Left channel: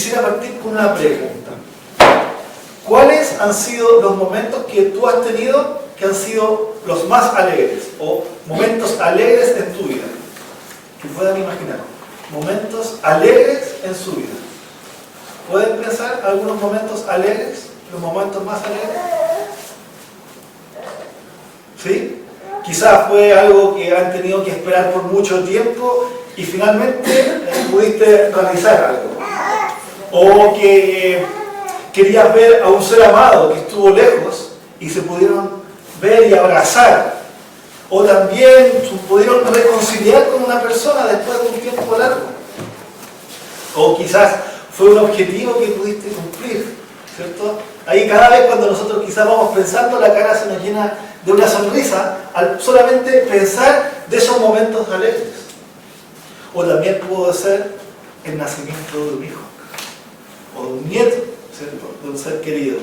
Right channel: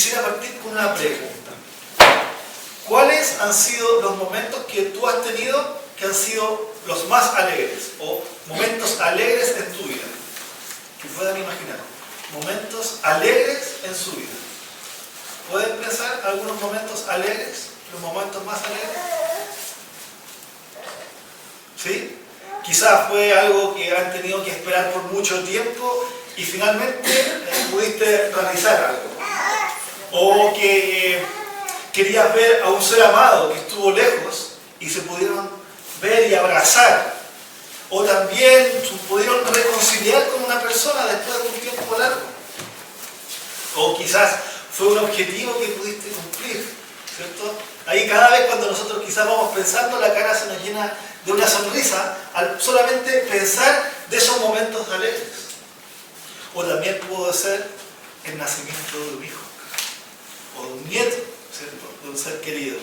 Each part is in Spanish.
quisiera partir con una pregunta. ¿Cuáles han sido los momentos que tú has tenido que han sido los más alegres? O momentos alegres en tu vida. Que puedan imaginar. Momentos alegres en su vida. ¿Pueden pensar algunos momentos alegres? ¿Los momentos más alegres? ¿Sí? Quizás fue algo que han tenido que esperar por mucho tiempo y finalmente pudiste realizar algo. O que querías ver a un ser amado que estuvo lejos y se pudieron ver y abrazar. O también pudieron reconciliar con una persona después de un tiempo largo. O quizás fue un objetivo que pudiste cumplir, ¿cierto? Ahí cada vez cuando nosotros quizás vamos pensando, la cara se nos llena de una sonrisa al solamente pensar de esos momentos alegres. O también pudo ser el nacimiento de un hijo, o de un nieto, ¿cierto? De un ser querido.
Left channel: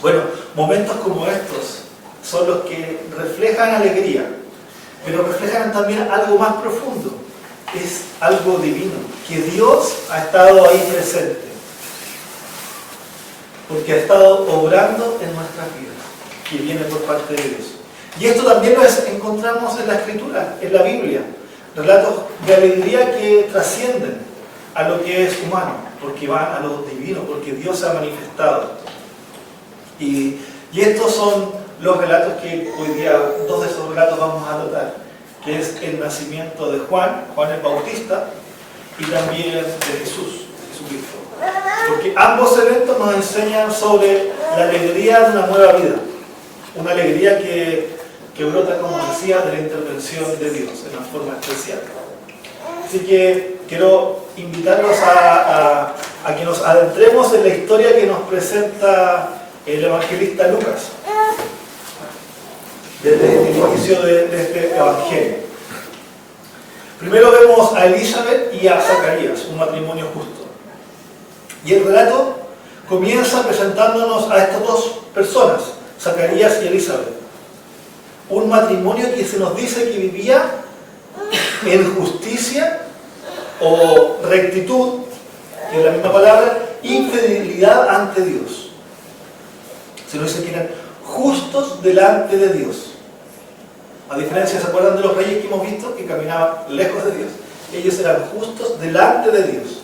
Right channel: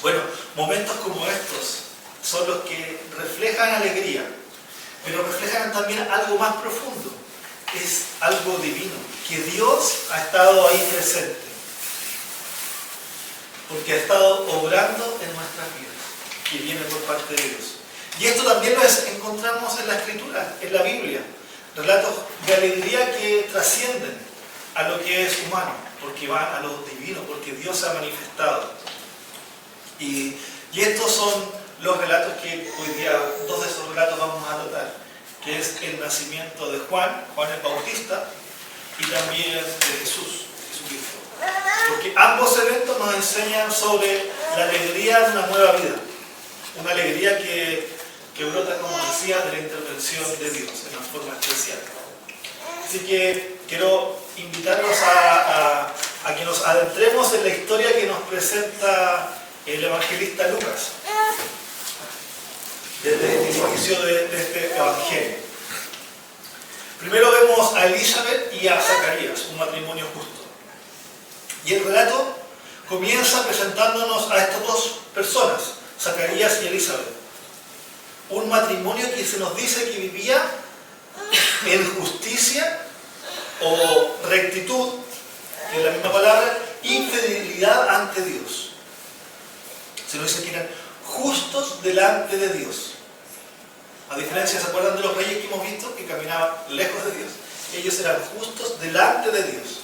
Bueno, momentos como estos son los que reflejan alegría, pero reflejan también algo más profundo. Es algo divino, que Dios ha estado ahí presente, porque ha estado obrando en nuestras vidas, que viene por parte de Dios. Y esto también lo encontramos en la Escritura, en la Biblia, relatos de alegría que trascienden a lo que es humano, porque van a lo divino, porque Dios se ha manifestado. Y estos son los relatos que hoy día, dos de esos relatos vamos a tratar, que es el nacimiento de Juan el Bautista, y también de Jesucristo. Porque ambos eventos nos enseñan sobre la alegría de una nueva vida, una alegría que brota, como decía, de la intervención de Dios en una forma especial. Así que quiero invitarlos a que nos adentremos en la historia que nos presenta el evangelista Lucas, desde el inicio de este evangelio. Primero vemos a Elizabeth y a Zacarías, un matrimonio justo. Y el relato comienza presentándonos a estas dos personas, Zacarías y Elizabeth. Un matrimonio que se nos dice que vivía en justicia o rectitud, que es la misma palabra, infidelidad ante Dios. Se nos dice que eran justos delante de Dios. A diferencia, ¿se acuerdan de los reyes que hemos visto? Que caminaban lejos de Dios. Ellos eran justos delante de Dios.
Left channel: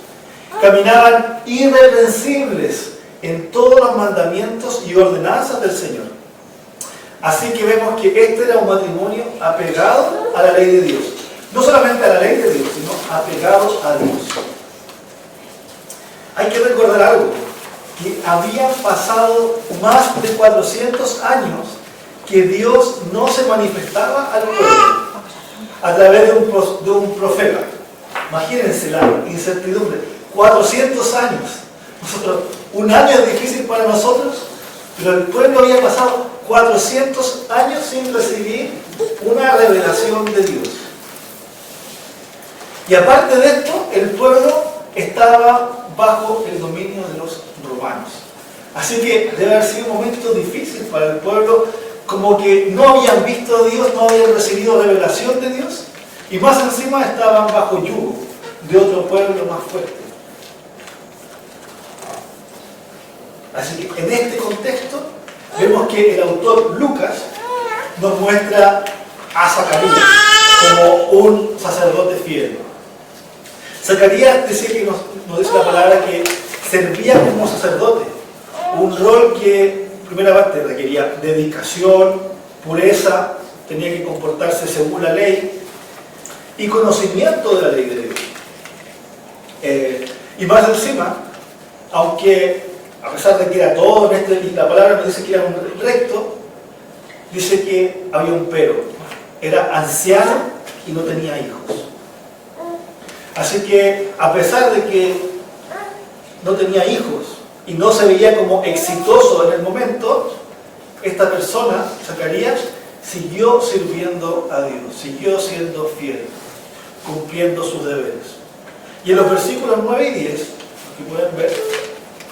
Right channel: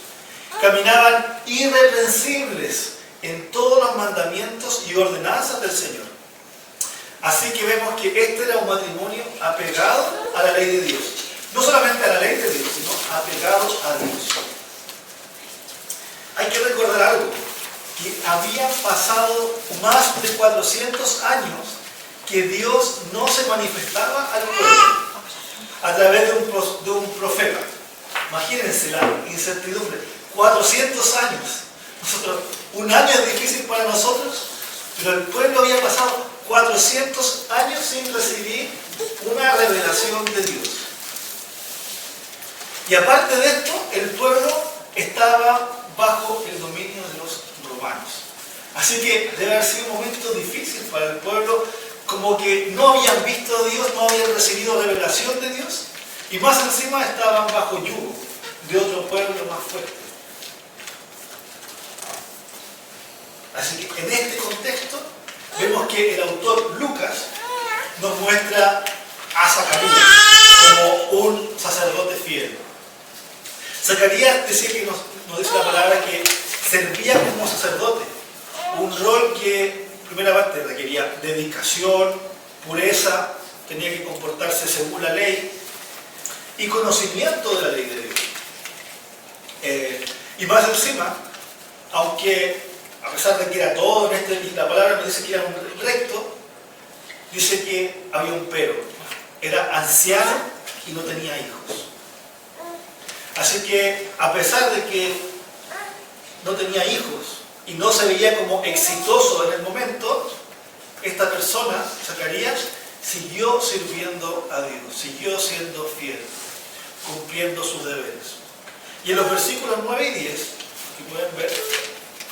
Caminaban irreprensibles en todos los mandamientos y ordenanzas del Señor. Así que vemos que este era un matrimonio apegado a la ley de Dios. No solamente a la ley de Dios, sino apegado a Dios. Hay que recordar algo, que habían pasado más de 400 años que Dios no se manifestaba al pueblo a través de un profeta. Imagínense la incertidumbre. 400 años. Un año es difícil para nosotros, pero el pueblo había pasado 400 años sin recibir una revelación de Dios. Y aparte de esto, el pueblo estaba bajo el dominio de los romanos. Así que debe haber sido un momento difícil para el pueblo, como que no habían visto a Dios, no habían recibido revelación de Dios, y más encima estaban bajo yugo de otro pueblo más fuerte. Así que en este contexto vemos que el autor Lucas nos muestra a Zacarías como un sacerdote fiel. Zacarías decía que nos dice la palabra que servía como sacerdote, un rol que, primera parte, requería dedicación, pureza, tenía que comportarse según la ley y conocimiento de la ley de Dios. Y más encima, aunque a pesar de que era todo y la palabra nos dice que era un recto, dice que había un pero. Era anciano y no tenía hijos. Así que, a pesar de que no tenía hijos y no se veía como exitoso en el momento, esta persona, Zacarías, siguió sirviendo a Dios, siguió siendo fiel, cumpliendo sus deberes. Y en los versículos 9 y 10, que pueden ver,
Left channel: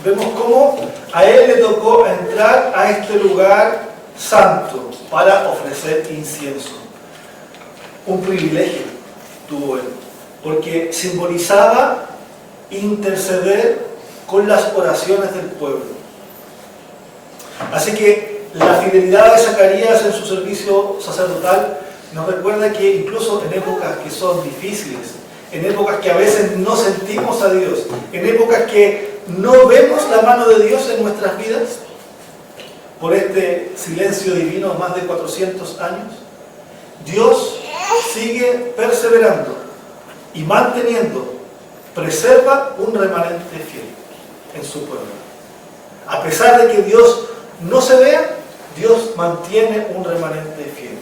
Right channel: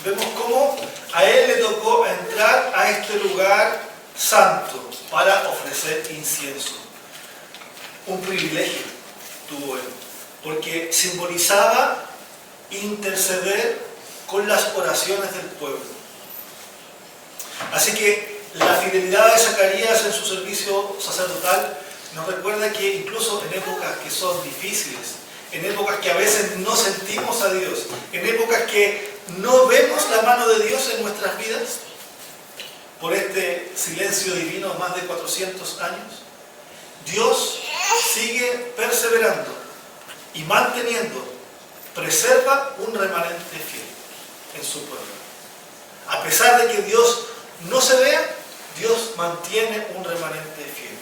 vemos cómo a él le tocó entrar a este lugar santo para ofrecer incienso. Un privilegio tuvo él, porque simbolizaba interceder con las oraciones del pueblo. Así que la fidelidad de Zacarías en su servicio sacerdotal nos recuerda que incluso en épocas que son difíciles, en épocas que a veces no sentimos a Dios, en épocas que no vemos la mano de Dios en nuestras vidas, por este silencio divino más de 400 años, Dios sigue perseverando y manteniendo, preserva un remanente fiel en su pueblo. A pesar de que Dios no se vea, Dios mantiene un remanente fiel.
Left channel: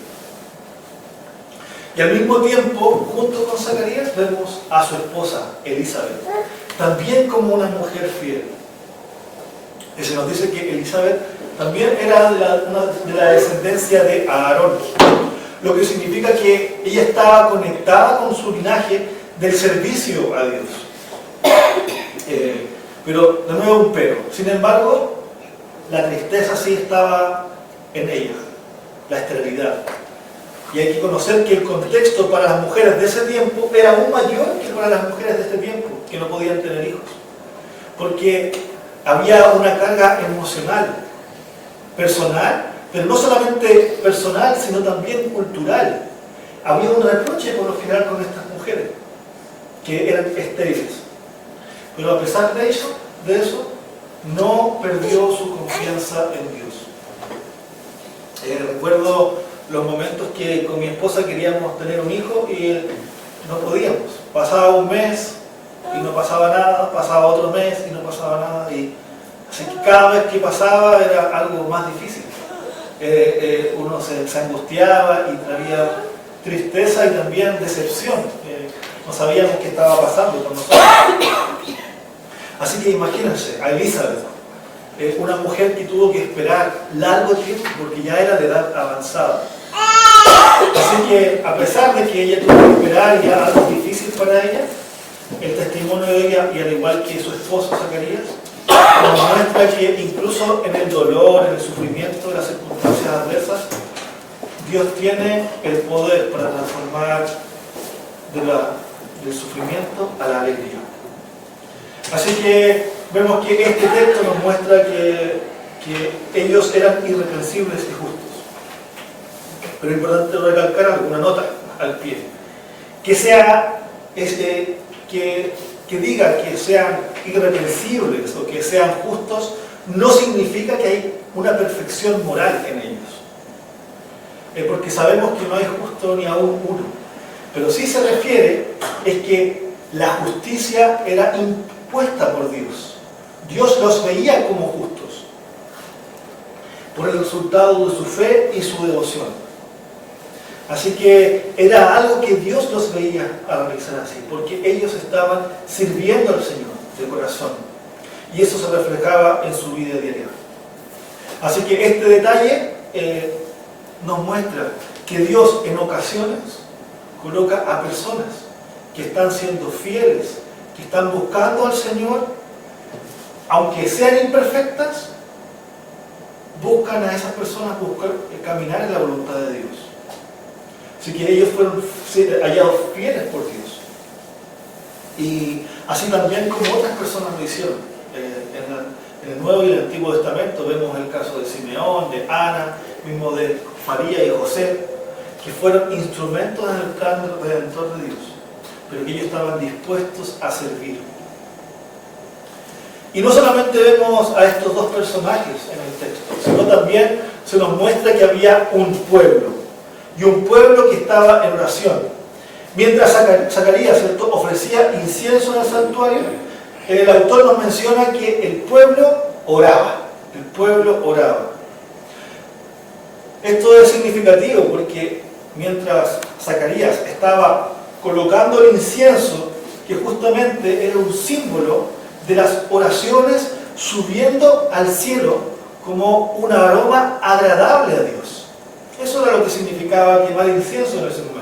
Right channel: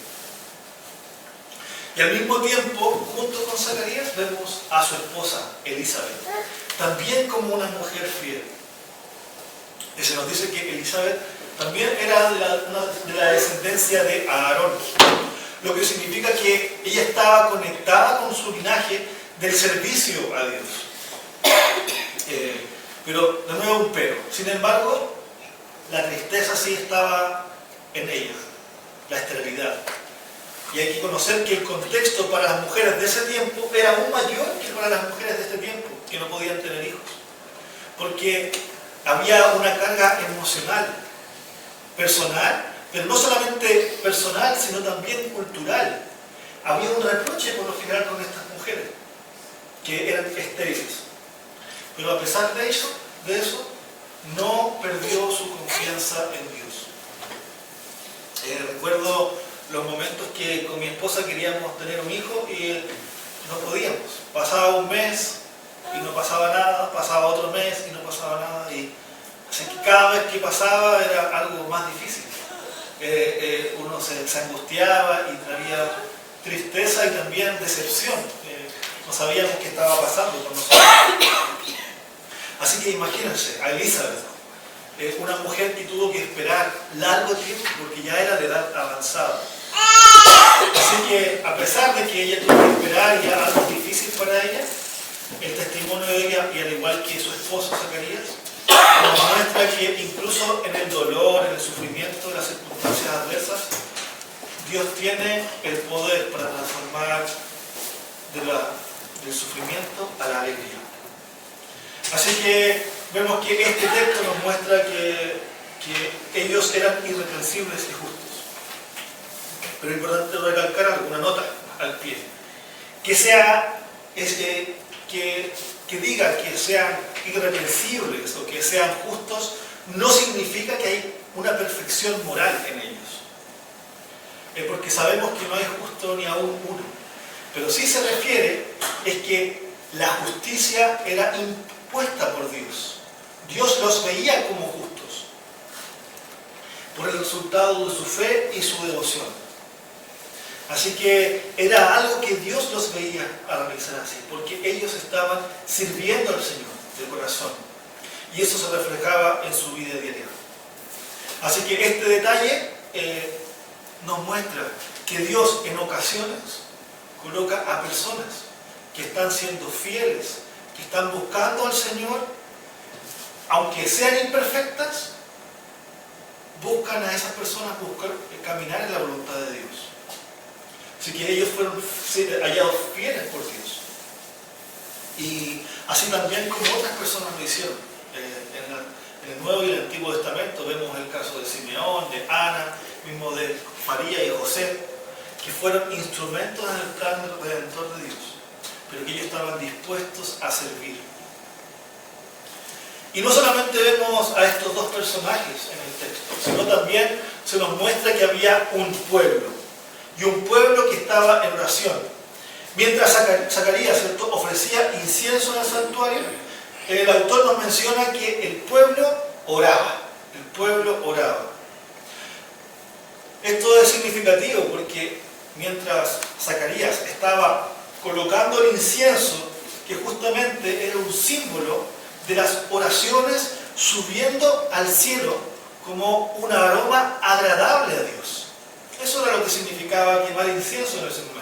Y al mismo tiempo, junto con Zacarías, vemos a su esposa, Elizabeth, también como una mujer fiel. Y se nos dice que Elizabeth también era de la descendencia de Aarón, lo que significa que ella estaba conectada con su linaje del servicio a Dios. Pero, de nuevo, un pero. Sin embargo, la tristeza sí estaba en ella, la esterilidad. Y hay que conocer que el contexto para las mujeres de ese tiempo era aún mayor que para las mujeres de este tiempo, que no podían tener hijos. Porque había una carga emocional, personal, pero no solamente personal, sino también cultural. Había un reproche por lo general con estas mujeres, que eran estériles. Pero a pesar de eso, no perdió su confianza en Dios. Recuerdo los momentos que con mi esposa queríamos tener un hijo y no podíamos. Pasaba un mes y no pasaba nada, pasaba otro mes y no pasaba nada. Así que cada vez que pasaba era algo más difícil. Uno se angustiaba y traía tristeza y también decepción. No sabíamos qué estaba pasando con nosotros. Así que imagínense a Elizabeth, una mujer que tuvo que esperar largo tiempo porque ya era de edad avanzada. Así que a pesar de que ella tuvo que esperar ya algo difícil para ella, el testimonio de ella, y al igual que su esposo Zacarías, nos muestra que incluso en el dolor, en el sufrimiento, en las circunstancias adversas, Dios tiene el poder para transformar del sufrimiento a la alegría. Así que vemos que este texto nos muestra que ellos eran irreprensibles y justos. Pero es importante recalcar alguna nota al pie. Que diga que sean irreprensibles o que sean justos, no significa que hay una perfección moral en ellos. Porque sabemos que no hay justo ni aún uno. Pero sí se refiere es que la justicia era impuesta por Dios. Dios los veía como justos por el resultado de su fe y su devoción. Así que era algo que Dios los veía a realizar así, porque ellos estaban sirviendo al Señor de corazón. Y eso se reflejaba en su vida diaria. Así que este detalle nos muestra que Dios en ocasiones coloca a personas que están siendo fieles, que están buscando al Señor, aunque sean imperfectas, buscan a esas personas caminar en la voluntad de Dios. Así que ellos fueron hallados fieles por Dios. Y así también como otras personas lo hicieron. En el Nuevo y el Antiguo Testamento vemos el caso de Simeón, de Ana, mismo de María y José, que fueron instrumentos en el plan redentor de Dios, pero que ellos estaban dispuestos a servir. Y no solamente vemos a estos dos personajes en el texto, sino también se nos muestra que había un pueblo, y un pueblo que estaba en oración. Mientras Zacarías, ¿cierto?, ofrecía incienso en el santuario, el autor nos menciona que el pueblo oraba. El pueblo oraba. Esto es significativo porque mientras Zacarías estaba colocando el incienso, que justamente era un símbolo de las oraciones subiendo al cielo como un aroma agradable a Dios. Eso era lo que significaba quemar incienso en ese momento.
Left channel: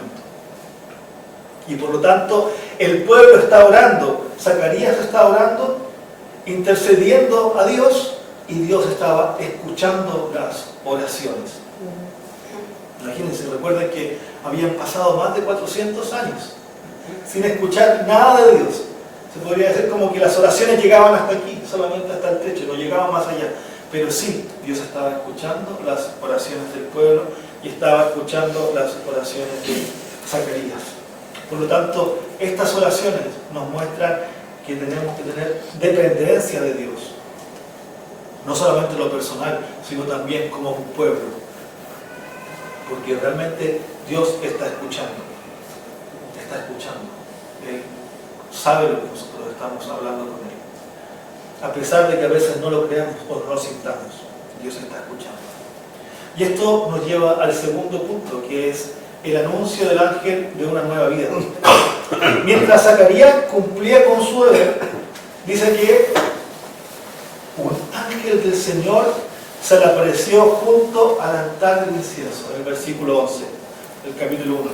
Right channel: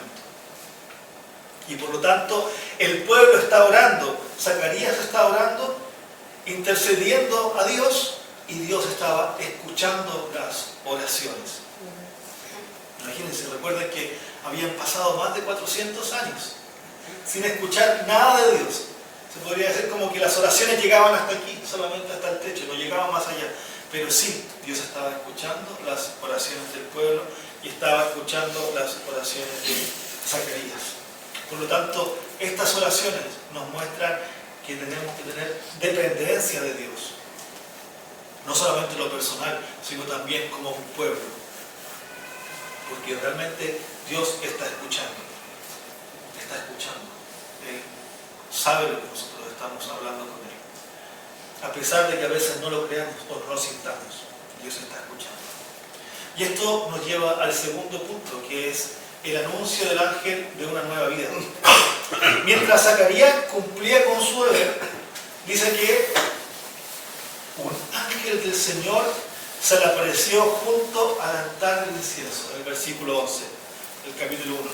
Y por lo tanto, el pueblo está orando, Zacarías está orando, intercediendo a Dios, y Dios estaba escuchando las oraciones. Imagínense, recuerden que habían pasado más de 400 años sin escuchar nada de Dios. Se podría decir como que las oraciones llegaban hasta aquí, solamente hasta el techo, no llegaban más allá. Pero sí, Dios estaba escuchando las oraciones del pueblo y estaba escuchando las oraciones de Zacarías. Por lo tanto, estas oraciones nos muestran que tenemos que tener dependencia de Dios. No solamente en lo personal, sino también como un pueblo. Porque realmente Dios está escuchando. Está escuchando. Él sabe lo que nosotros estamos hablando con Él. A pesar de que a veces no lo creamos o no lo sintamos, Dios está escuchando. Y esto nos lleva al segundo punto, que es el anuncio del ángel de una nueva vida. Mientras Zacarías cumplía con su deber, dice que un ángel del Señor se le apareció junto al altar del incienso, en el versículo 11, del capítulo 1.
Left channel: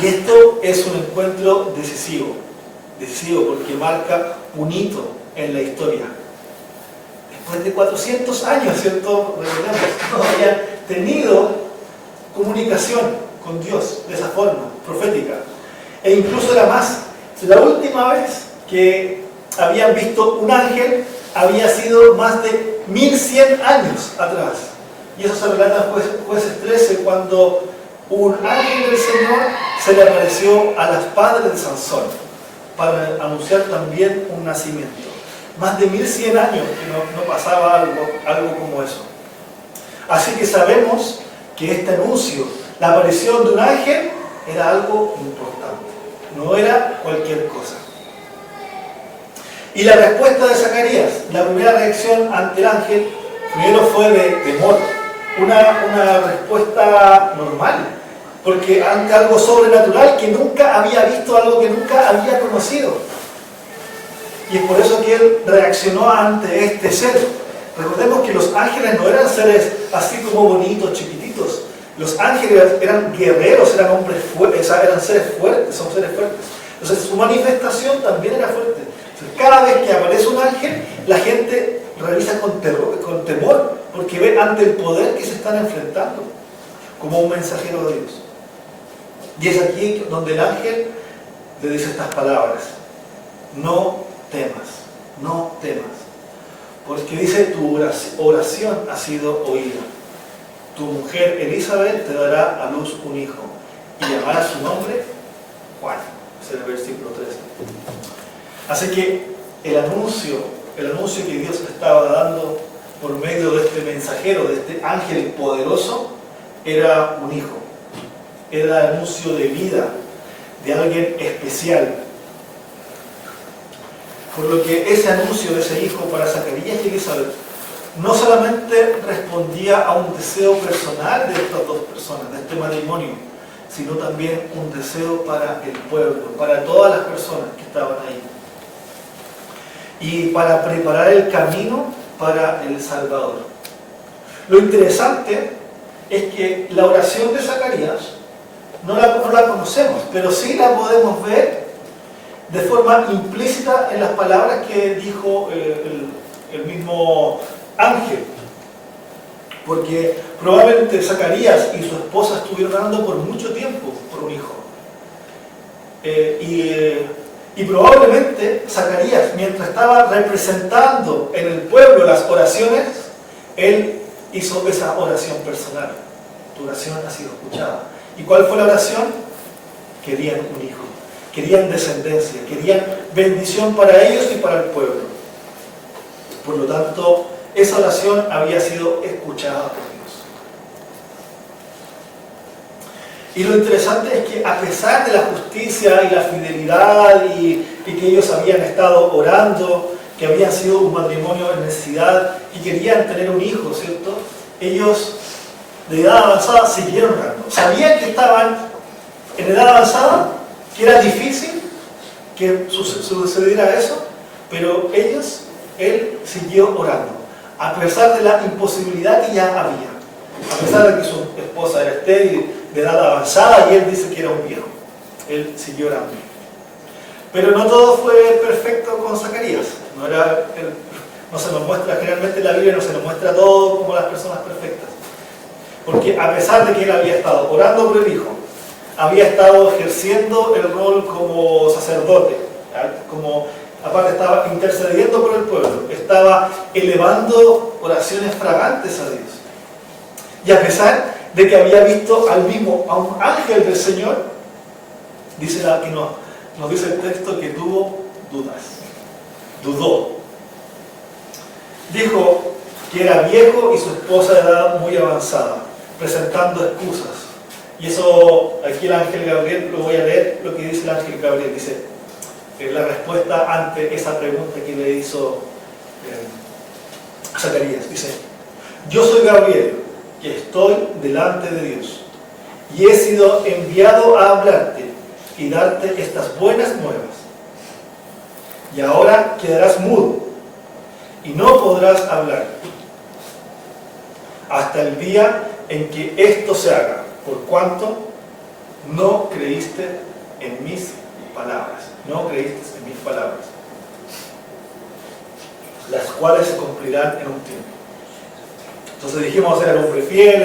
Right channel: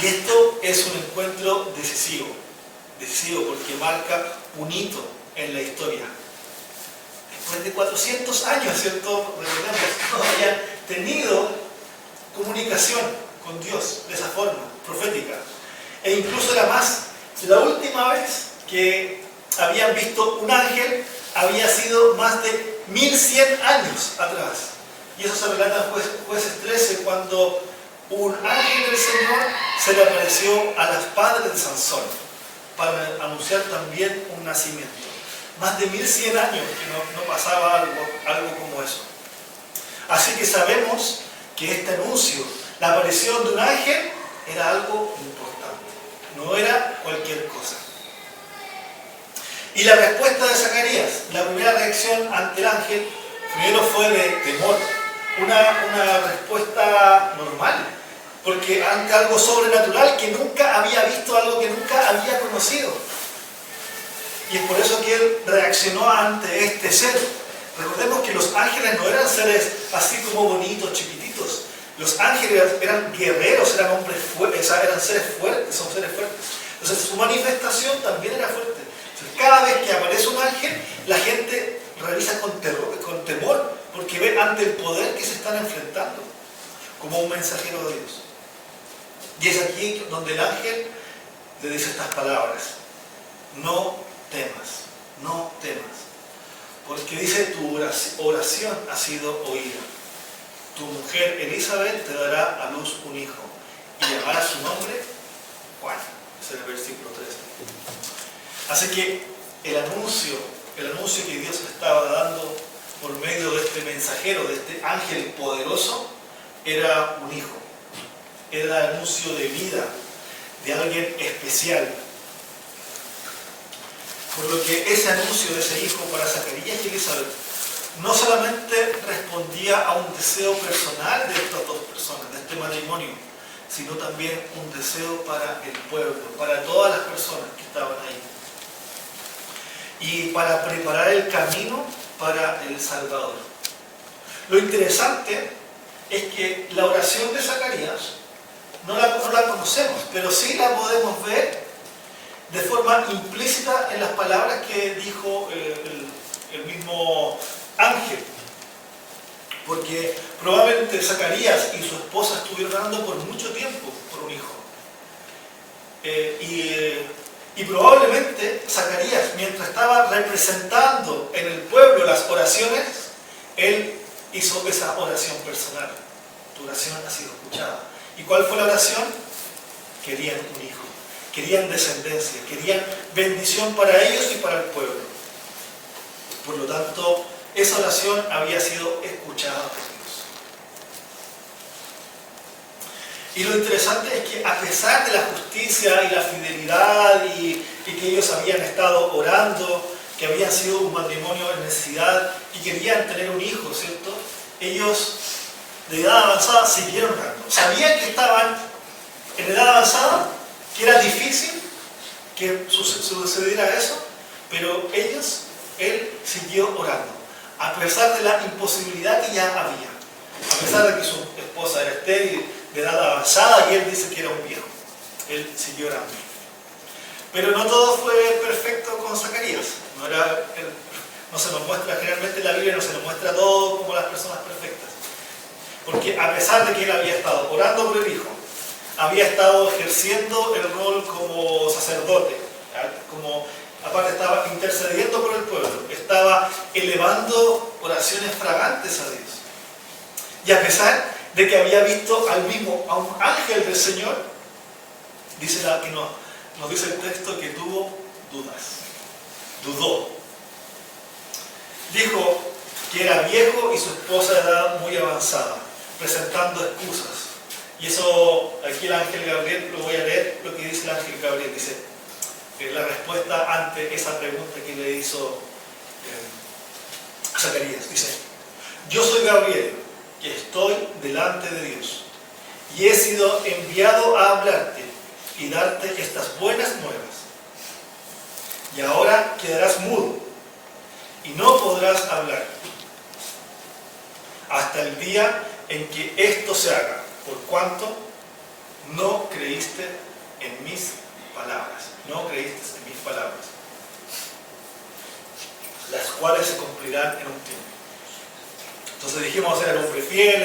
Y esto es un encuentro decisivo porque marca un hito en la historia. Después de 400 años, ¿cierto? Recordemos, no habían tenido comunicación con Dios de esa forma, profética. E incluso era más. La última vez que habían visto un ángel había sido más de 1100 años atrás. Y eso se relata en Jueces 13, cuando un ángel del Señor se le apareció a las padres de Sansón para anunciar también un nacimiento. Más de 1100 años que no pasaba algo como eso. Así que sabemos que este anuncio, la aparición de un ángel, era algo importante. No era cualquier cosa. Y la respuesta de Zacarías, la primera reacción ante el ángel, primero fue de temor. Una respuesta normal, porque ante algo sobrenatural que nunca había visto, algo que nunca había conocido. Y es por eso que él reaccionó ante este ser. Recordemos que los ángeles no eran seres así como bonitos, chiquititos. Los ángeles eran guerreros, eran hombres fuertes, eran seres fuertes, son seres fuertes. Entonces su manifestación también era fuerte. Entonces, cada vez que aparece un ángel, la gente revisa con temor, porque ve ante el poder que se están enfrentando, como un mensajero de Dios. Y es aquí donde el ángel le dice estas palabras: no temas, no temas, porque dice, tu oración ha sido oída. Tu mujer Elizabeth te dará a luz un hijo y llamará su nombre Juan. Es el versículo 13. Así que el anuncio que Dios estaba dando por medio de este mensajero, de este ángel poderoso, era un hijo. Era el anuncio de vida de alguien especial. Por lo que ese anuncio de ese hijo para Zacarías y Elizabeth no solamente respondía a un deseo personal de estas dos personas, de este matrimonio, sino también un deseo para el pueblo, para todas las personas que estaban ahí. Y para preparar el camino para el Salvador. Lo interesante es que la oración de Zacarías no la conocemos, pero sí la podemos ver de forma implícita en las palabras que dijo el mismo ángel. Porque probablemente Zacarías y su esposa estuvieron orando por mucho tiempo por un hijo. Y probablemente Zacarías, mientras estaba representando en el pueblo las oraciones, él hizo esa oración personal. Tu oración ha sido escuchada. ¿Y cuál fue la oración? Querían un hijo, querían descendencia, querían bendición para ellos y para el pueblo. Por lo tanto, esa oración había sido escuchada por Dios. Y lo interesante es que a pesar de la justicia y la fidelidad y que ellos habían estado orando, que habían sido un matrimonio en necesidad y querían tener un hijo, ¿cierto? Ellos de edad avanzada siguieron orando. Sabían que estaban en edad avanzada, que era difícil que sucediera eso, pero él siguió orando, a pesar de la imposibilidad que ya había, a pesar de que su esposa era estéril, de edad avanzada, y él dice que era un viejo. Él siguió orando. Pero no todo fue perfecto con Zacarías. No se nos muestra, generalmente en la Biblia no se nos muestra todo como las personas perfectas. Porque a pesar de que él había estado orando por el hijo, había estado ejerciendo el rol como sacerdote, como aparte estaba intercediendo por el pueblo, estaba elevando oraciones fragantes a Dios. Y a pesar de que había visto a un ángel del Señor, dice nos dice el texto que tuvo dudas, dudó. Dijo que era viejo y su esposa de edad muy avanzada, presentando excusas. Y eso, aquí el ángel Gabriel, lo voy a leer, lo que dice el ángel Gabriel, dice, la respuesta ante esa pregunta que le hizo Zacarías, dice, yo soy Gabriel, que estoy delante de Dios, y he sido enviado a hablarte y darte estas buenas nuevas. Y ahora quedarás mudo, y no podrás hablar, hasta el día en que esto se haga, por cuanto no creíste en mis palabras, las cuales se cumplirán en un tiempo. Entonces dijimos, era un hombre fiel,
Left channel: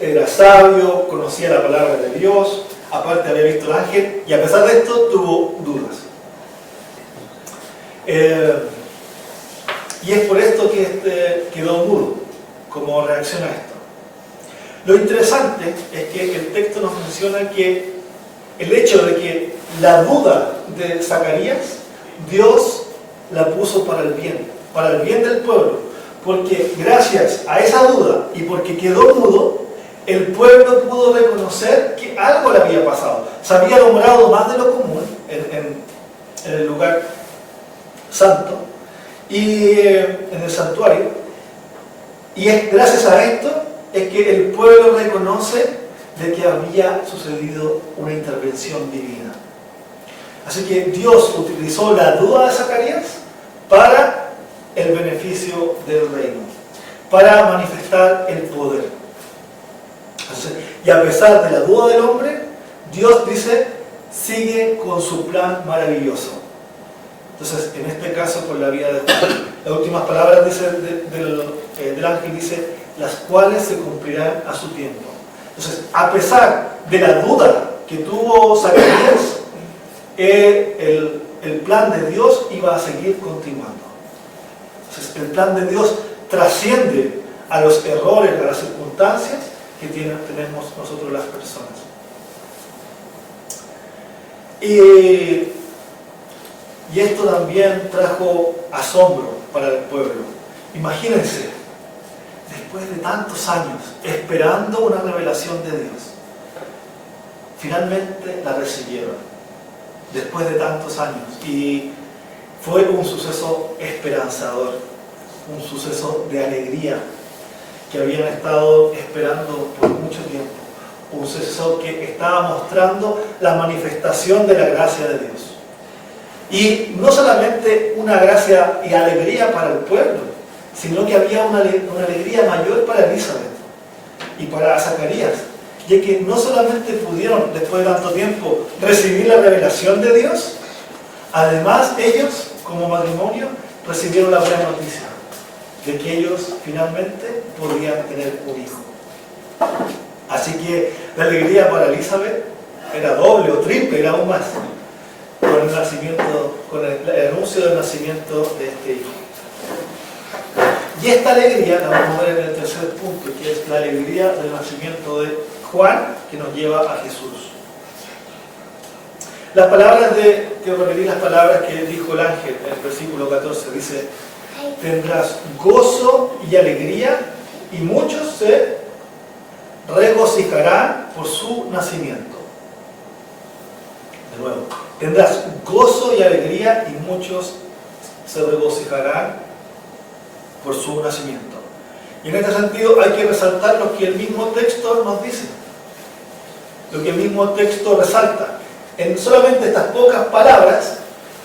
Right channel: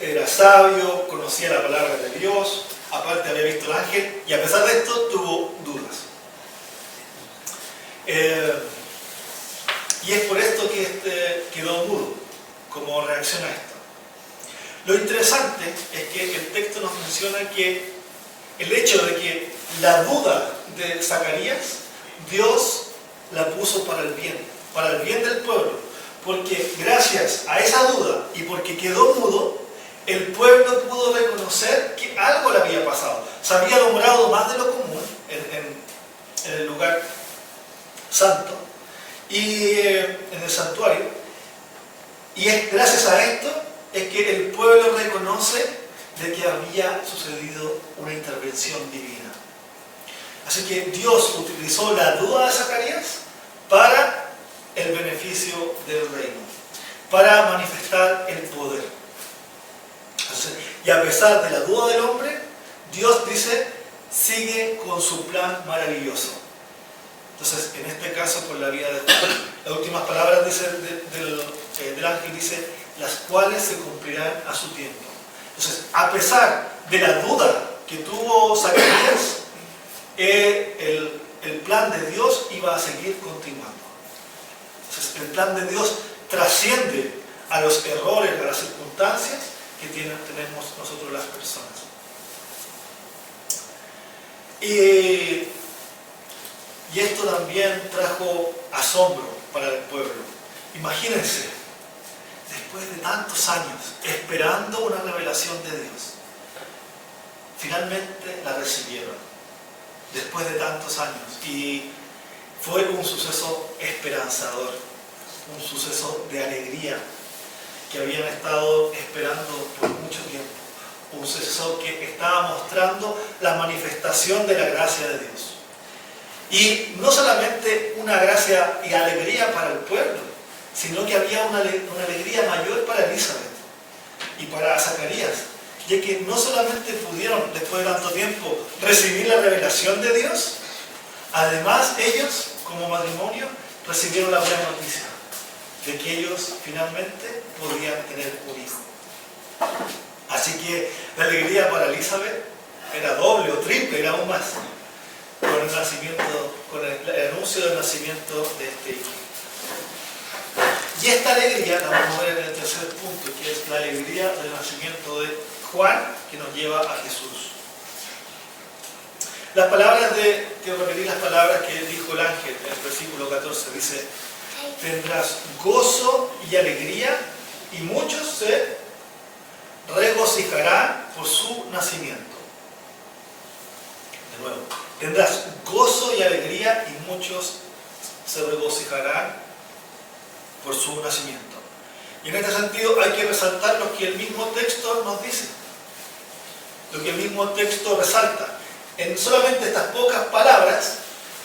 era sabio, conocía la palabra de Dios, aparte había visto el ángel, y a pesar de esto tuvo dudas. Y es por esto que quedó mudo, como reacción a esto. Lo interesante es que el texto nos menciona que el hecho de que la duda de Zacarías, Dios la puso para el bien del pueblo, porque gracias a esa duda y porque quedó mudo, el pueblo pudo reconocer que algo le había pasado. Se había alumbrado más de lo común en el lugar santo y en el santuario, y es gracias a esto es que el pueblo reconoce de que había sucedido una intervención divina. Así que Dios utilizó la duda de Zacarías para el beneficio del reino, para manifestar el poder. Entonces, y a pesar de la duda del hombre, Dios dice, sigue con su plan maravilloso. Entonces, en este caso, con la vida de Juan, las últimas palabras dice, del ángel dice, las cuales se cumplirán a su tiempo. Entonces, a pesar de la duda que tuvo Zacarías, el plan de Dios iba a seguir continuando. Entonces, el plan de Dios trasciende a los errores, a las circunstancias que tenemos nosotros las personas. Y esto también trajo asombro para el pueblo. Imagínense, después de tantos años esperando una revelación de Dios, finalmente la recibieron, después de tantos años, y fue un suceso esperanzador, un suceso de alegría que habían estado esperando por mucho tiempo, un suceso que estaba mostrando la manifestación de la gracia de Dios. Y no solamente una gracia y alegría para el pueblo, sino que había una alegría mayor para Elizabeth y para Zacarías, ya que no solamente pudieron, después de tanto tiempo, recibir la revelación de Dios, además ellos, como matrimonio, recibieron la buena noticia de que ellos finalmente podían tener un hijo. Así que la alegría para Elizabeth era doble o triple, era aún más, con el anuncio del nacimiento de este hijo. Y esta alegría la vamos a ver en el tercer punto, que es la alegría del nacimiento de Juan, que nos lleva a Jesús. Las palabras quiero repetir las palabras que dijo el ángel en el versículo 14, dice, tendrás gozo y alegría, y muchos se regocijarán por su nacimiento. De nuevo, tendrás gozo y alegría, y muchos se regocijarán por su nacimiento. Y en este sentido hay que resaltar lo que el mismo texto nos dice, lo que el mismo texto resalta. En solamente estas pocas palabras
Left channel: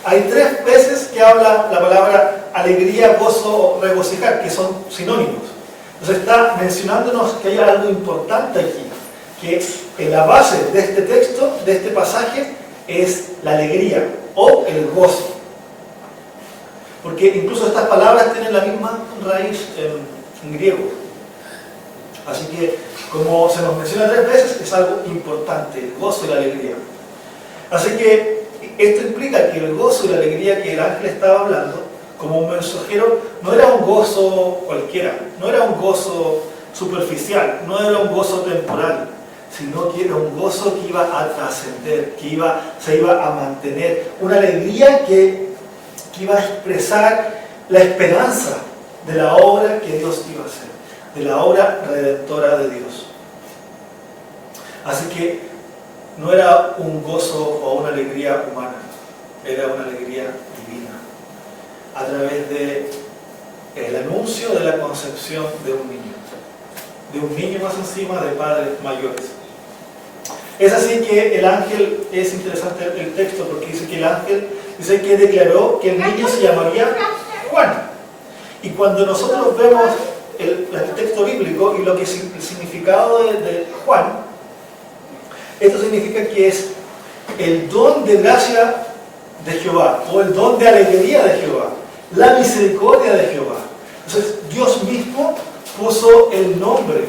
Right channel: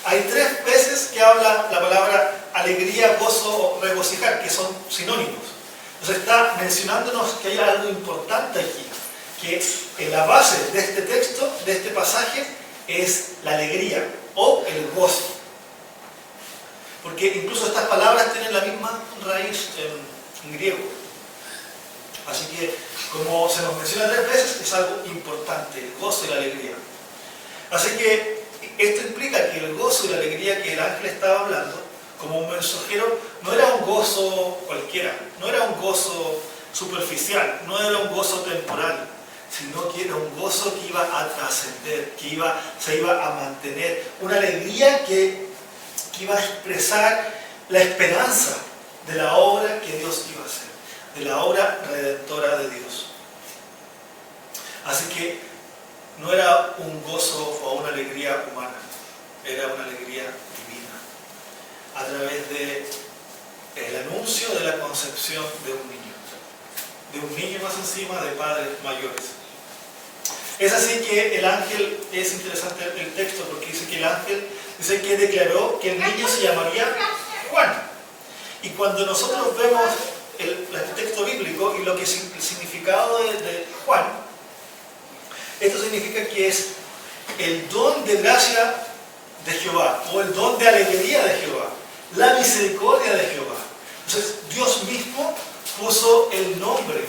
hay 3 veces que habla la palabra alegría, gozo o regocijar, que son sinónimos. Entonces está mencionándonos que hay algo importante aquí, que en la base de este texto, de este pasaje, es la alegría o el gozo. Porque incluso estas palabras tienen la misma raíz en griego. Así que, como se nos menciona 3 veces, es algo importante, el gozo y la alegría. Así que esto implica que el gozo y la alegría que el ángel estaba hablando, como un mensajero, no era un gozo cualquiera, no era un gozo superficial, no era un gozo temporal, sino que era un gozo que iba a trascender, que se iba a mantener, una alegría que iba a expresar la esperanza de la obra que Dios iba a hacer, de la obra redentora de Dios. Así que no era un gozo o una alegría humana, era una alegría divina, a través del anuncio de la concepción de un niño más encima de padres mayores. Es así que el ángel, es interesante el texto porque dice que el ángel dice que declaró que el niño se llamaría Juan. Y cuando nosotros vemos el texto bíblico y lo que es el significado de Juan, esto significa que es el don de gracia de Jehová, o el don de alegría de Jehová, la misericordia de Jehová. Entonces Dios mismo puso el nombre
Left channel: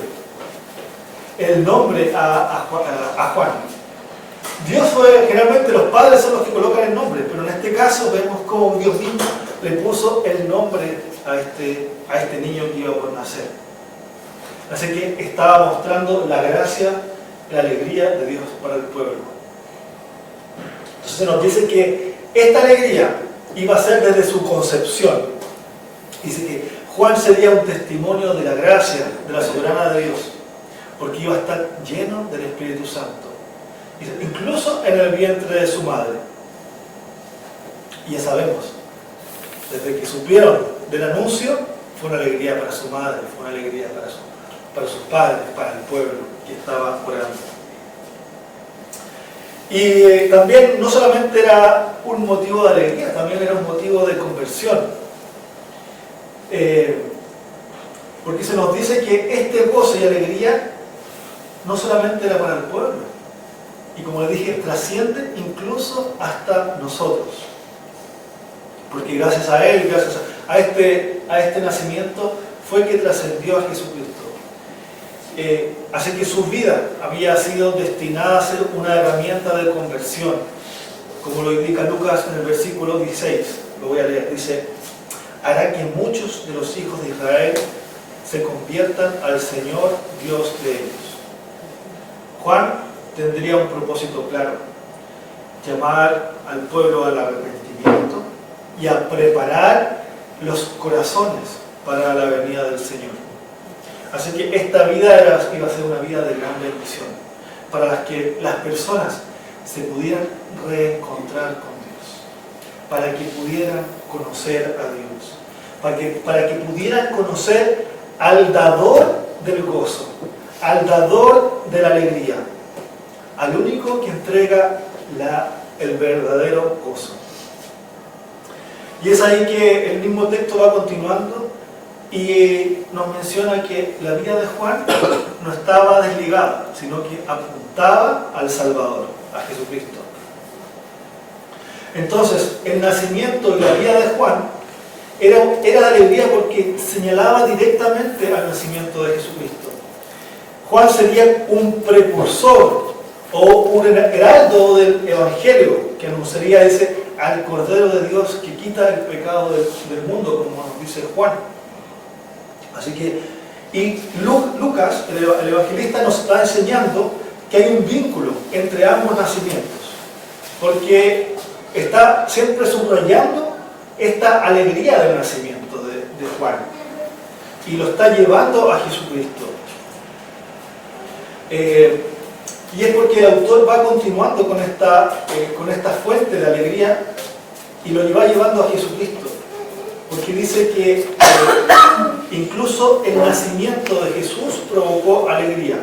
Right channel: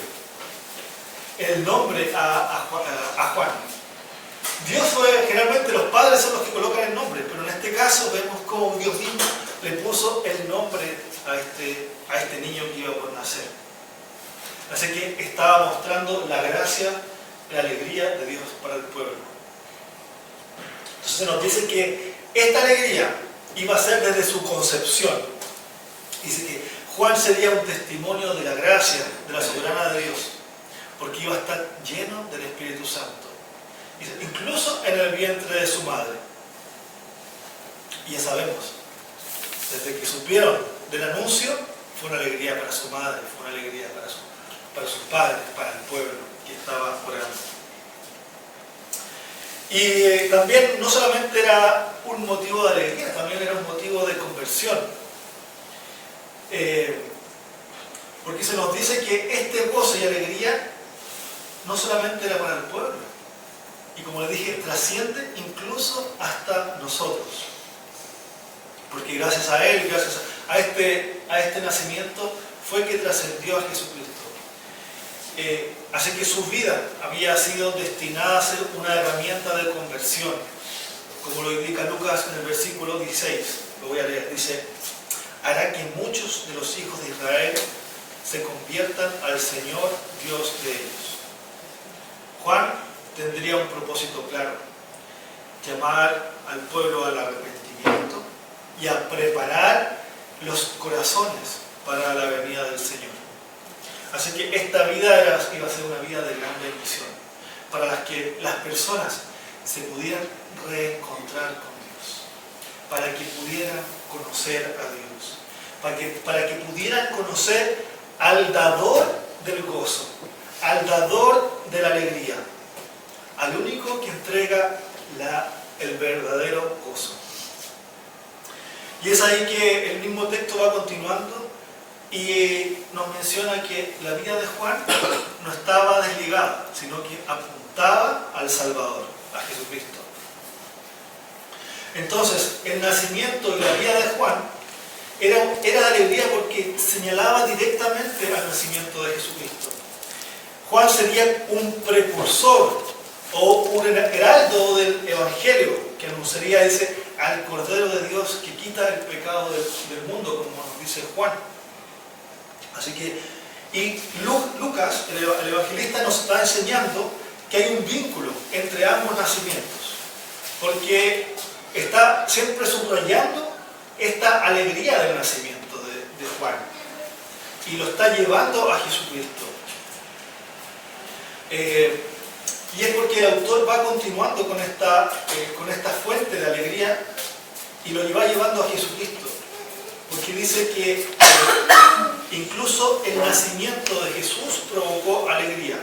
a Juan. Dios generalmente los padres son los que colocan el nombre, pero en este caso vemos cómo Dios mismo le puso el nombre a este niño que iba por nacer. Así que estaba mostrando la gracia, la alegría de Dios para el pueblo. Entonces se nos dice que esta alegría iba a ser desde su concepción. Dice que Juan sería un testimonio de la gracia, de la soberana de Dios, porque iba a estar lleno del Espíritu Santo, incluso en el vientre de su madre. Y ya sabemos, desde que supieron del anuncio, fue una alegría para su madre, fue una alegría para sus padres, para el pueblo que estaba orando. Y también no solamente era un motivo de alegría, también era un motivo de conversión. Porque se nos dice que este gozo y alegría no solamente era para el pueblo, y como les dije, trasciende incluso hasta nosotros. Porque gracias a Él, gracias a este nacimiento, fue que trascendió a Jesucristo. Así que su vida había sido destinada a ser una herramienta de conversión, como lo indica Lucas en el versículo 16. Lo voy a leer. Dice: hará que muchos de los hijos de Israel se conviertan al Señor Dios de ellos. Juan tendría un propósito claro: llamar al pueblo al arrepentimiento y a preparar los corazones para la venida del Señor. Así que esta vida iba a ser una vida de gran bendición, para las que las personas se pudieran reencontrar con Dios, para que pudieran conocer a Dios, para que pudieran conocer al dador del gozo, al dador de la alegría, al único que entrega el verdadero gozo. Y es ahí que el mismo texto va continuando y nos menciona que la vida de Juan no estaba desligada, sino que apuntaba al Salvador, a Jesucristo. Entonces, el nacimiento y la vida de Juan era de alegría porque señalaba directamente al nacimiento de Jesucristo. Juan sería un precursor o un heraldo del Evangelio que anunciaría al Cordero de Dios que quita el pecado del mundo, como nos dice Juan. Así que, y Lucas, el evangelista, nos está enseñando que hay un vínculo entre ambos nacimientos, porque está siempre subrayando esta alegría del nacimiento de Juan y lo está llevando a Jesucristo. Y es porque el autor va continuando con esta fuente de alegría y lo va llevando a Jesucristo, porque dice que incluso el nacimiento de Jesús provocó alegría.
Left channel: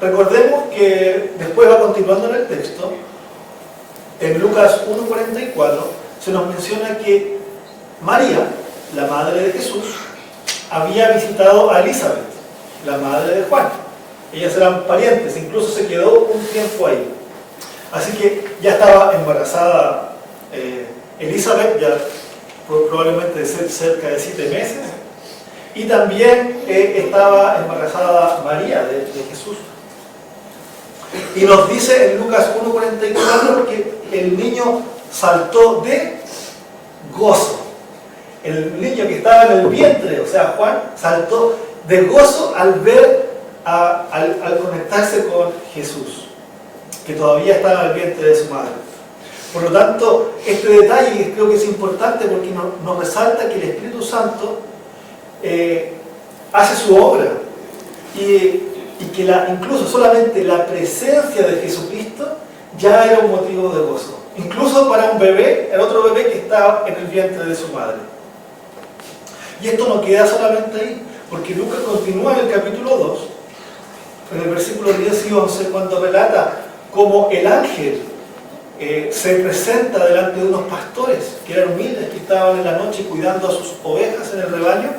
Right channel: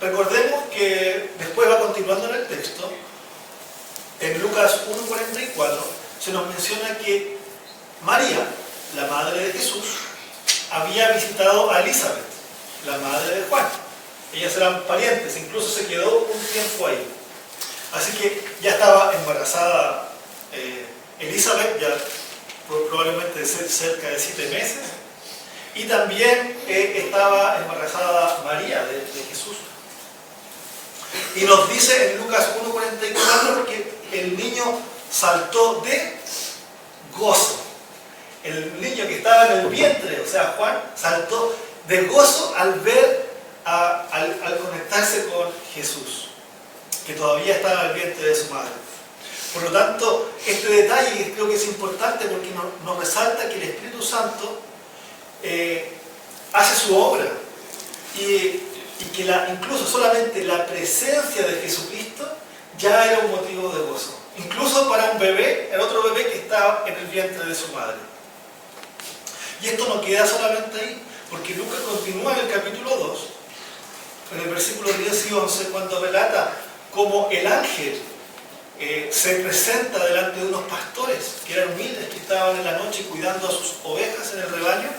Recordemos que después va continuando en el texto, en Lucas 1:44 se nos menciona que María, la madre de Jesús, había visitado a Elizabeth, la madre de Juan. Ellas eran parientes, incluso se quedó un tiempo ahí. Así que ya estaba embarazada Elizabeth, ya probablemente de ser cerca de 7 meses. Y también estaba embarazada María de Jesús. Y nos dice en Lucas 1:44 que el niño saltó de gozo. El niño que estaba en el vientre, o sea, Juan, saltó de gozo al ver, al conectarse con Jesús, que todavía estaba en el vientre de su madre. Por lo tanto, este detalle creo que es importante porque nos resalta que el Espíritu Santo hace su obra y que incluso solamente la presencia de Jesucristo ya era un motivo de gozo. Incluso para un bebé, el otro bebé que estaba en el vientre de su madre. Y esto no queda solamente ahí, porque Lucas continúa en el capítulo 2, en el versículo 10 y 11, cuando relata cómo el ángel se presenta delante de unos pastores que eran humildes, que estaban en la noche cuidando a sus ovejas en el rebaño,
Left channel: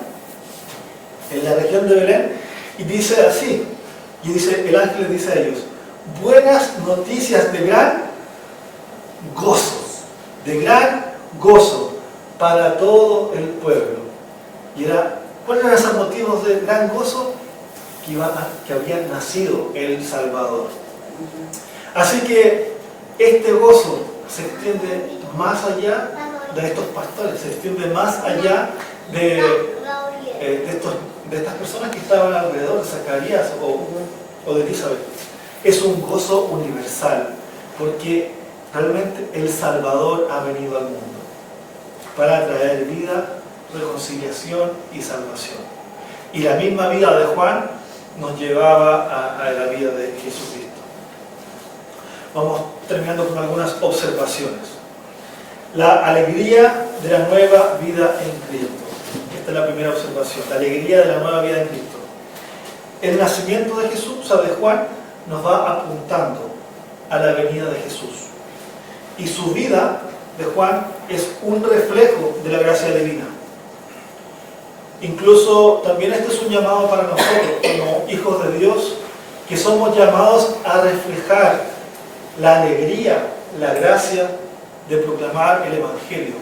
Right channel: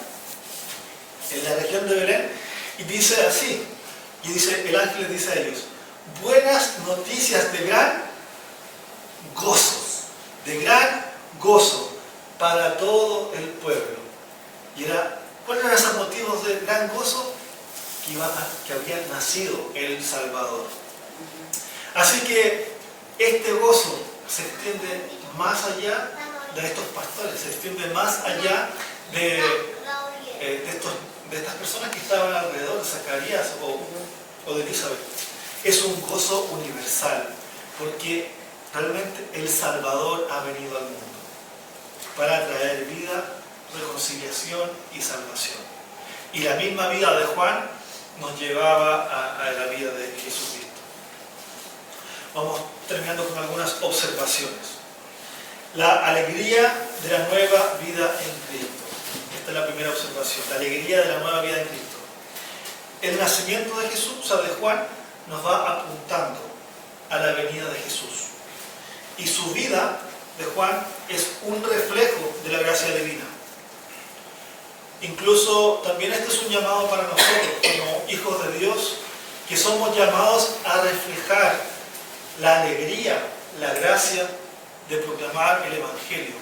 en la región de Belén, y dice así, el ángel les dice a ellos: buenas noticias de gran gozo para todo el pueblo. Y ¿cuáles eran esos motivos de gran gozo? Que había nacido el Salvador. Así que este gozo se extiende más allá de estos pastores, se extiende más allá de estas personas que estaban alrededor de Zacarías o de Elizabeth. Es un gozo universal, porque realmente el Salvador ha venido al mundo para traer vida, reconciliación y salvación. Y la misma vida de Juan nos llevaba a la vida de Jesucristo. Vamos terminando con algunas observaciones. La alegría de la nueva vida en Cristo. Esta es la primera observación, la alegría de la nueva vida en Cristo. El nacimiento de Jesús, o sea, de Juan, nos va apuntando a la venida de Jesús. Y su vida de Juan es un reflejo de la gracia divina. Incluso también este es un llamado para nosotros, como hijos de Dios, que somos llamados a reflejar la alegría, la gracia de proclamar el Evangelio,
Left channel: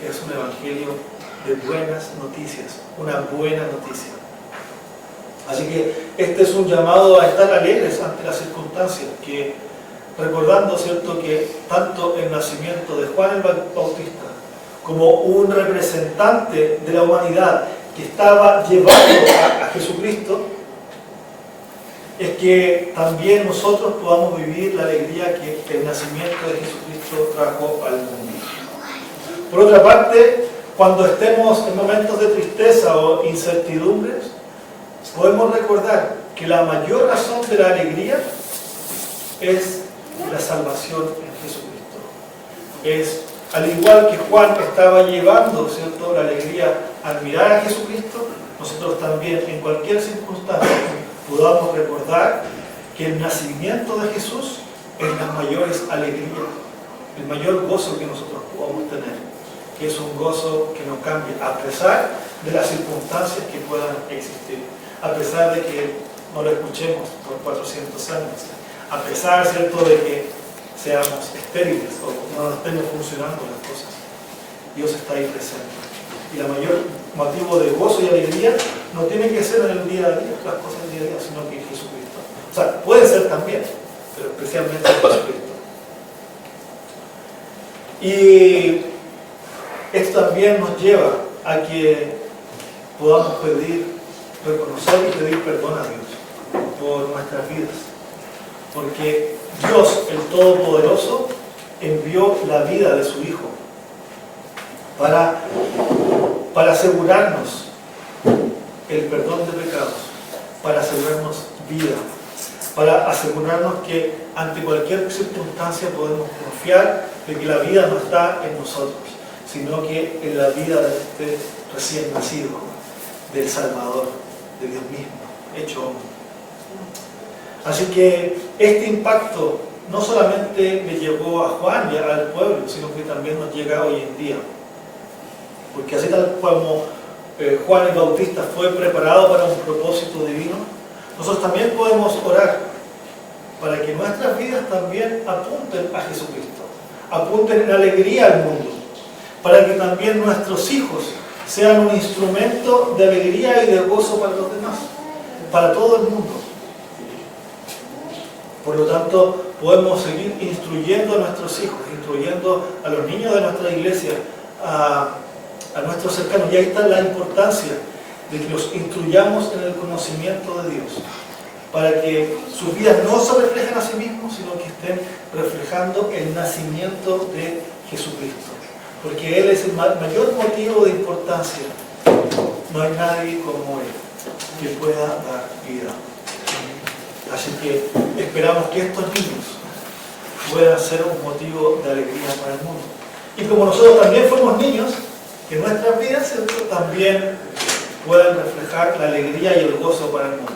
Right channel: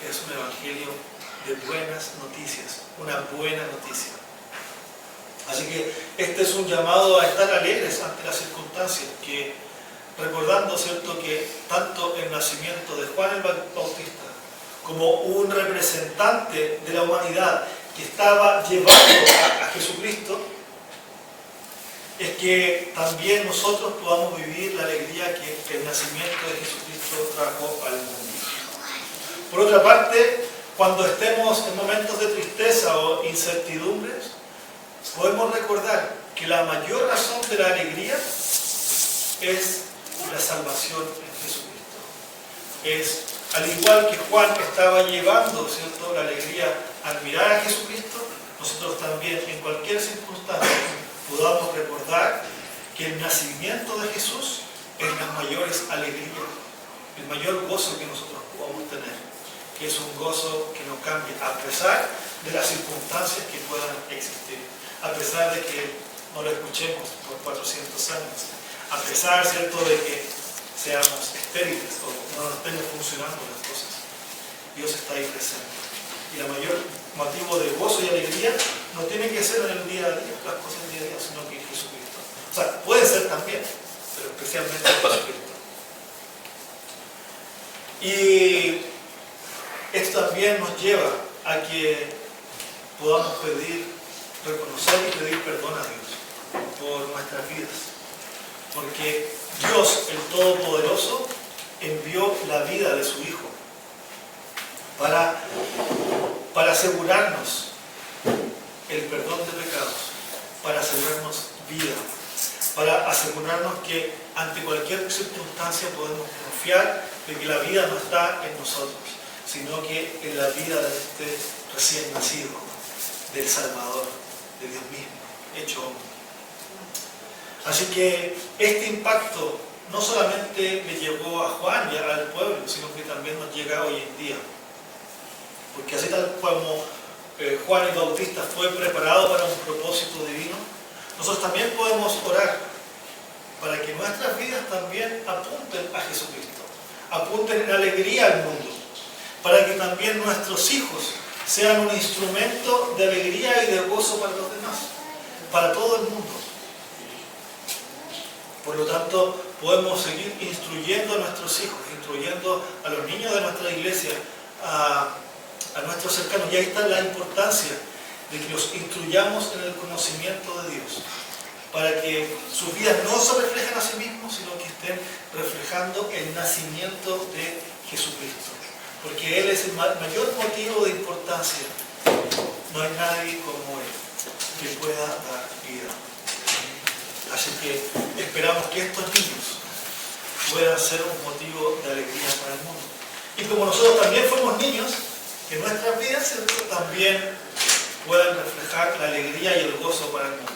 que es un Evangelio de buenas noticias, una buena noticia. Así que este es un llamado a estar alegres ante las circunstancias, que recordando, ¿cierto?, que tanto el nacimiento de Juan el Bautista como un representante de la humanidad que estaba llevando a Jesucristo, es que también nosotros podamos vivir la alegría que el nacimiento de Jesucristo trajo al mundo. Por otra parte, cuando estemos en momentos de tristeza o incertidumbres, podemos recordar que la mayor razón de la alegría es la salvación en Jesucristo. Es, al igual que Juan estaba llevando, ¿cierto?, la alegría al mirar a Jesucristo, nosotros también en cualquier circunstancia podamos recordar que el nacimiento de Jesús es las mayores alegrías, el mayor gozo que nosotros podamos tener, que es un gozo que no cambia a pesar de las circunstancias que puedan existir, a pesar de que no lo escuchemos por 400 años, a pesar, ¿cierto?, de que seamos estériles o no estén funcionando las cosas. Dios está ahí presente. Y el mayor motivo de gozo y alegría no tiene que ser en el día a día, las cosas del día a día, sino que en Jesucristo. O sea, puede ser también, pero especialmente en Jesucristo. Y esto también nos lleva a que podamos reconocer y pedir perdón a Dios por nuestras vidas. Porque Dios, el Todopoderoso, envió la vida de su Hijo para asegurarnos el perdón de pecados, para asegurarnos vida, para asegurarnos que ante cualquier circunstancia podemos confiar de que la vida no está en nosotros, sino que en la vida de este recién nacido, del Salvador, de Dios mismo, hecho hombre. Así que este impacto no solamente le llegó a Juan y al pueblo, sino que también nos llega hoy en día. Porque así tal como Juan el Bautista fue preparado para un propósito divino, nosotros también podemos orar para que nuestras vidas también apunten a Jesucristo, apunten en alegría al mundo, para que también nuestros hijos sean un instrumento de alegría y de gozo para los demás, para todo el mundo. Por lo tanto, podemos seguir instruyendo a nuestros hijos, instruyendo a los niños de nuestra iglesia, a nuestros cercanos. Y ahí está la importancia de que los instruyamos en el conocimiento de Dios, para que sus vidas no se reflejen a sí mismos, sino que estén reflejando el nacimiento de Jesucristo. Porque Él es el mayor motivo de importancia. No hay nadie como Él que pueda dar vida. Así que esperamos que estos niños puedan ser un motivo de alegría para el mundo. Y como nosotros también fuimos niños, que nuestras vidas también puedan reflejar la alegría y el gozo para el mundo.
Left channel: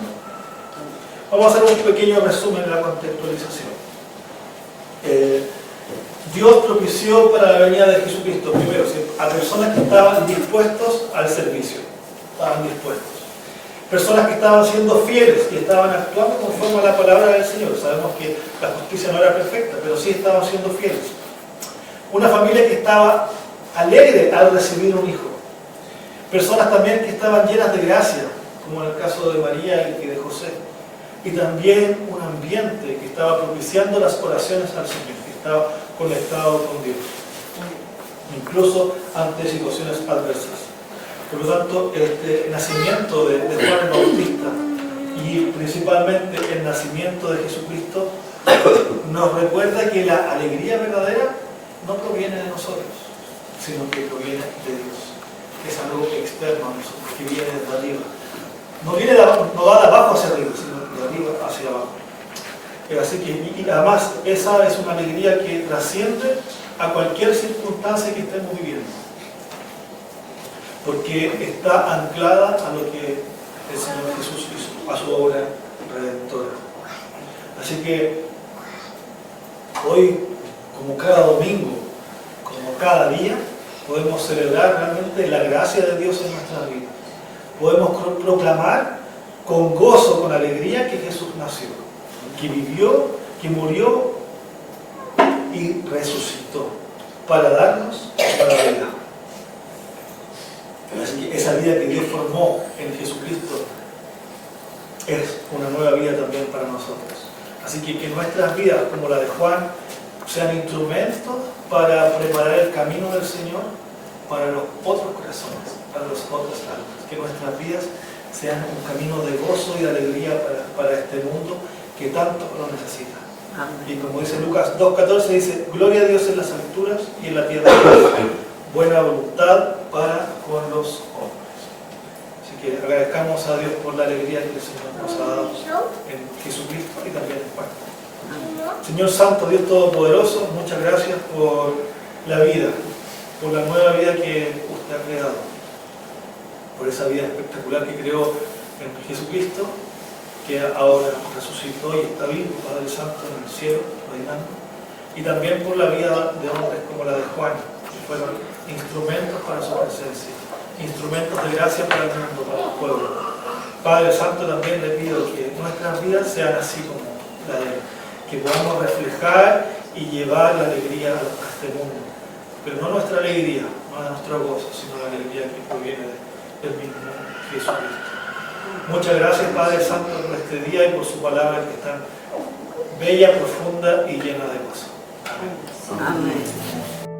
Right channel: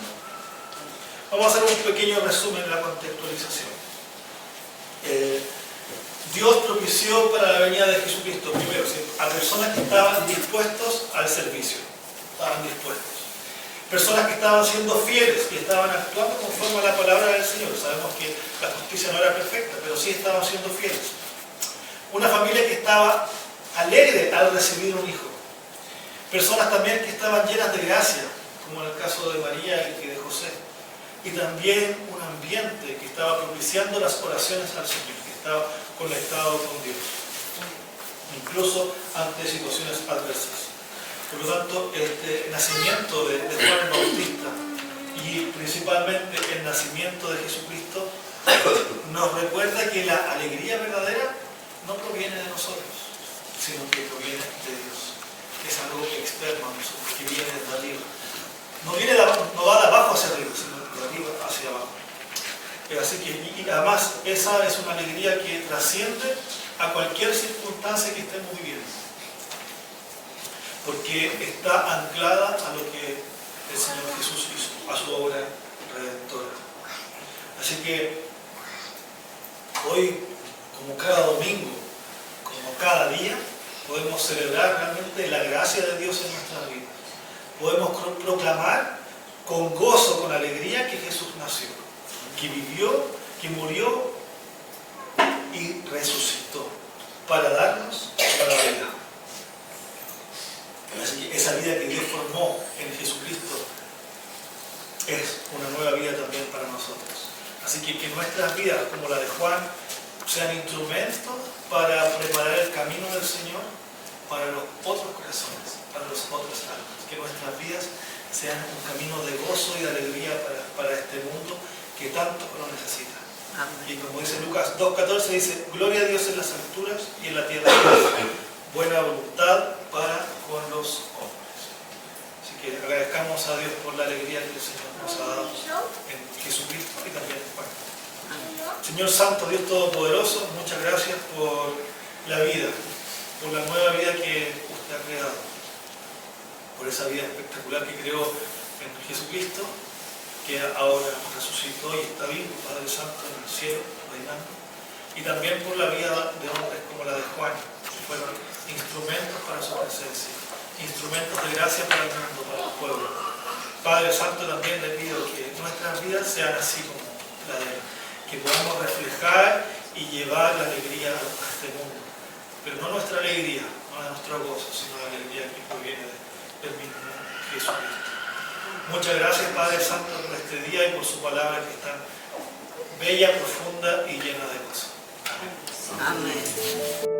Vamos a hacer un pequeño resumen de la contextualización. Dios propició para la venida de Jesucristo, primero, a personas que estaban dispuestos al servicio. Estaban dispuestos. Personas que estaban siendo fieles, que estaban actuando conforme a la palabra del Señor. Sabemos que la justicia no era perfecta, pero sí estaban siendo fieles. Una familia que estaba alegre al recibir un hijo. Personas también que estaban llenas de gracia, como en el caso de María y de José. Y también un ambiente que estaba propiciando las oraciones al Señor, que estaba conectado con Dios, incluso ante situaciones adversas. Por lo tanto, el nacimiento de Juan el Bautista y principalmente el nacimiento de Jesucristo nos recuerda que la alegría verdadera no proviene de nosotros, sino que proviene de Dios. Es algo externo a nosotros, que viene de arriba. No va de abajo hacia arriba, sino de arriba hacia abajo. Así que, y además, esa es una alegría que trasciende a cualquier circunstancia que estemos viviendo. Porque está anclada a lo que el Señor Jesús hizo, a su obra redentora. Así que hoy, como cada domingo, como cada día, podemos celebrar realmente la gracia de Dios en nuestras vidas. Podemos proclamar con gozo, con alegría que Jesús nació, que vivió, que murió y resucitó para darnos la vida. Así que esa vida que Dios formó en Jesucristo es una nueva vida también para nosotros. Así que nuestras vidas, como la de Juan, sean instrumentos para preparar el camino del Señor para los otros corazones, para las otras almas. Que nuestras vidas sean un camino de gozo y de alegría para este mundo que tanto lo necesita. Amén. Y como dice Lucas 2.14, dice: gloria a Dios en las alturas y en la tierra buena voluntad para con los hombres. Así que agradezcamos a Dios por la alegría que el Señor nos ha dado en Jesucristo y también en Juan. Señor Santo, Dios Todopoderoso, muchas gracias por la vida, por la nueva vida que usted ha creado, por esa vida espectacular que creó en Jesucristo, que ahora resucitó y está vivo, Padre Santo, en el cielo, reinando, y también por la vida de hombres como la de Juan, que fueron instrumentos para su presencia, instrumentos de gracia para el mundo, para el pueblo. Padre Santo, también le pido que nuestras vidas sean así como la de él, que podamos reflejar y llevar la alegría a este mundo, pero no nuestra alegría, no nuestro gozo, sino la alegría que proviene del mismo Jesucristo. Muchas gracias, Padre Santo, por este día y por su palabra que es tan bella, profunda y llena de gozo. Amén. Amén.